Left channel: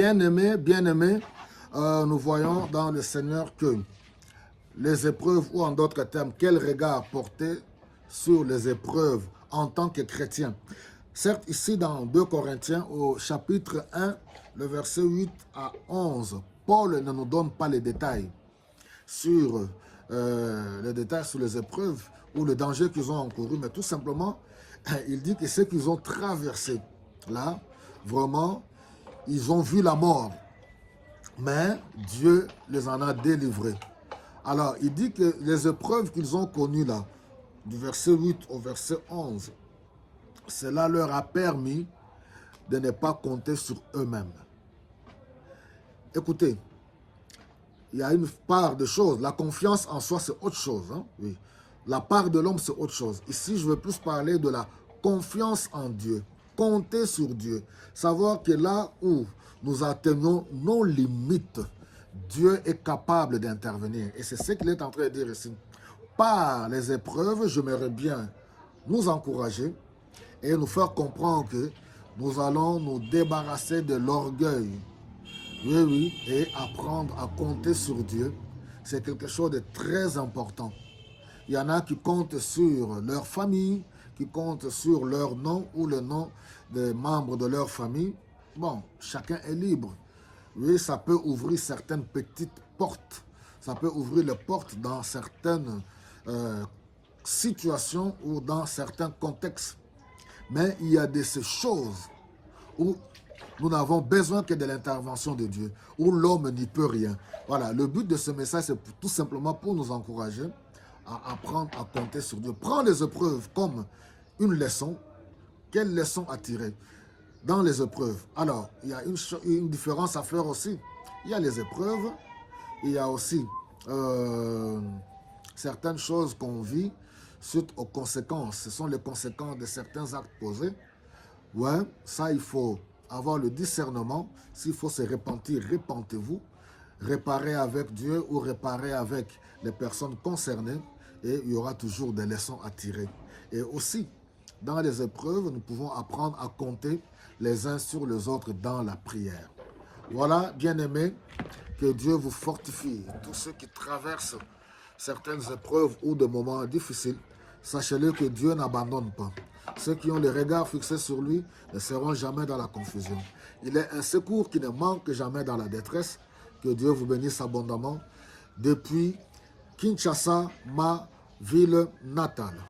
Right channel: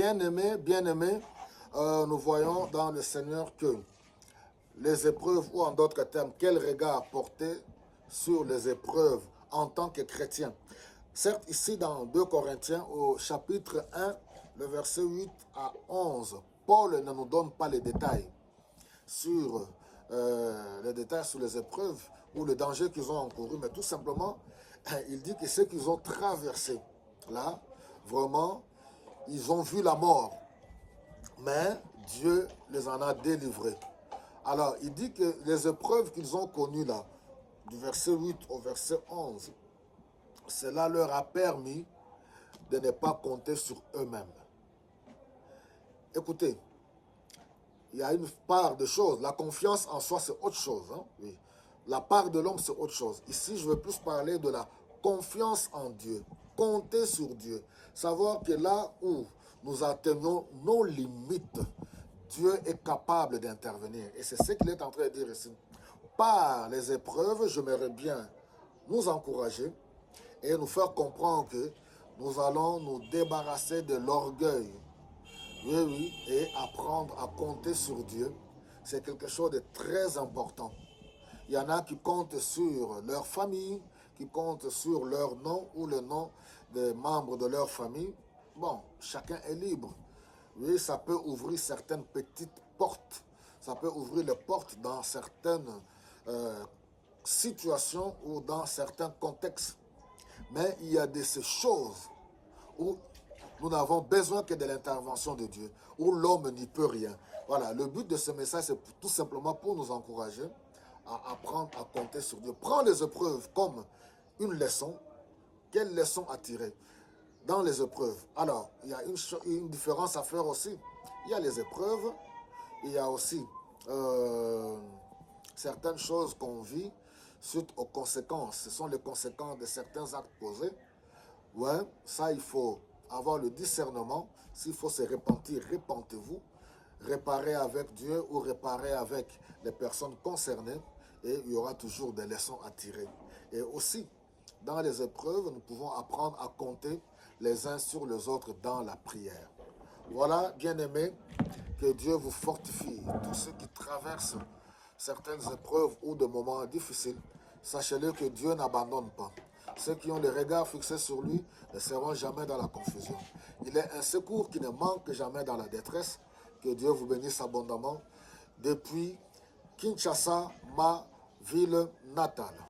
Bien-aimés, nous voyons dans le Seigneur que les épreuves, ou en d'autres termes, quel regard porter sur les épreuves en tant que chrétien. Certes, ici dans 2 Corinthiens, au chapitre 1, le verset 8 à 11, Paul ne nous donne pas les détails sur les épreuves ou le danger qu'ils ont encouru, mais tout simplement, il dit que ce qu'ils ont traversé, là, vraiment, ils ont vu la mort, mais Dieu les en a délivrés. Alors, il dit que les épreuves qu'ils ont connues là, du verset 8 au verset 11, cela leur a permis de ne pas compter sur eux-mêmes. Écoutez, il y a une part de choses. La confiance en soi, c'est autre chose. Hein? Oui. La part de l'homme, c'est autre chose. Ici, je veux plus parler de la confiance en Dieu. Compter sur Dieu. Savoir que là où nous atteignons nos limites, Dieu est capable d'intervenir. Et c'est ce qu'il est en train de dire ici. Par les épreuves, j'aimerais bien nous encourager et nous faire comprendre que nous allons nous débarrasser de l'orgueil. Oui, et apprendre à compter sur Dieu, c'est quelque chose de très important. Il y en a qui comptent sur leur famille, qui comptent sur leur nom ou le nom des membres de leur famille. Bon, chacun est libre. Oui, ça peut ouvrir certaines petites portes. Ça peut ouvrir les portes dans certaines situations ou dans certains contextes. Mais il y a de ces choses où nous n'avons besoin que de l'intervention de Dieu, où l'homme n'y peut rien. Voilà, le but de ce message, c'est tout simplement pour nous encourager à apprendre à compter sur Dieu. Prends les épreuves comme une leçon. Quelle leçon à tirer dans les épreuves? Alors, il y a une différence à faire aussi. Il y a les épreuves, il y a aussi certaines choses qu'on vit suite aux conséquences. Ce sont les conséquences de certains actes posés. Ouais, ça, il faut avoir le discernement. S'il faut se repentir, repentez-vous. Réparer avec Dieu ou réparer avec les personnes concernées. Et il y aura toujours des leçons à tirer. Et aussi, dans les épreuves, nous pouvons apprendre à compter les uns sur les autres dans la prière. Voilà, bien-aimés, que Dieu vous fortifie. Tous ceux qui traversent certaines épreuves ou des moments difficiles, sachez-le que Dieu n'abandonne pas. Ceux qui ont les regards fixés sur lui ne seront jamais dans la confusion. Il est un secours qui ne manque jamais dans la détresse. Que Dieu vous bénisse abondamment depuis Kinshasa, ma ville natale.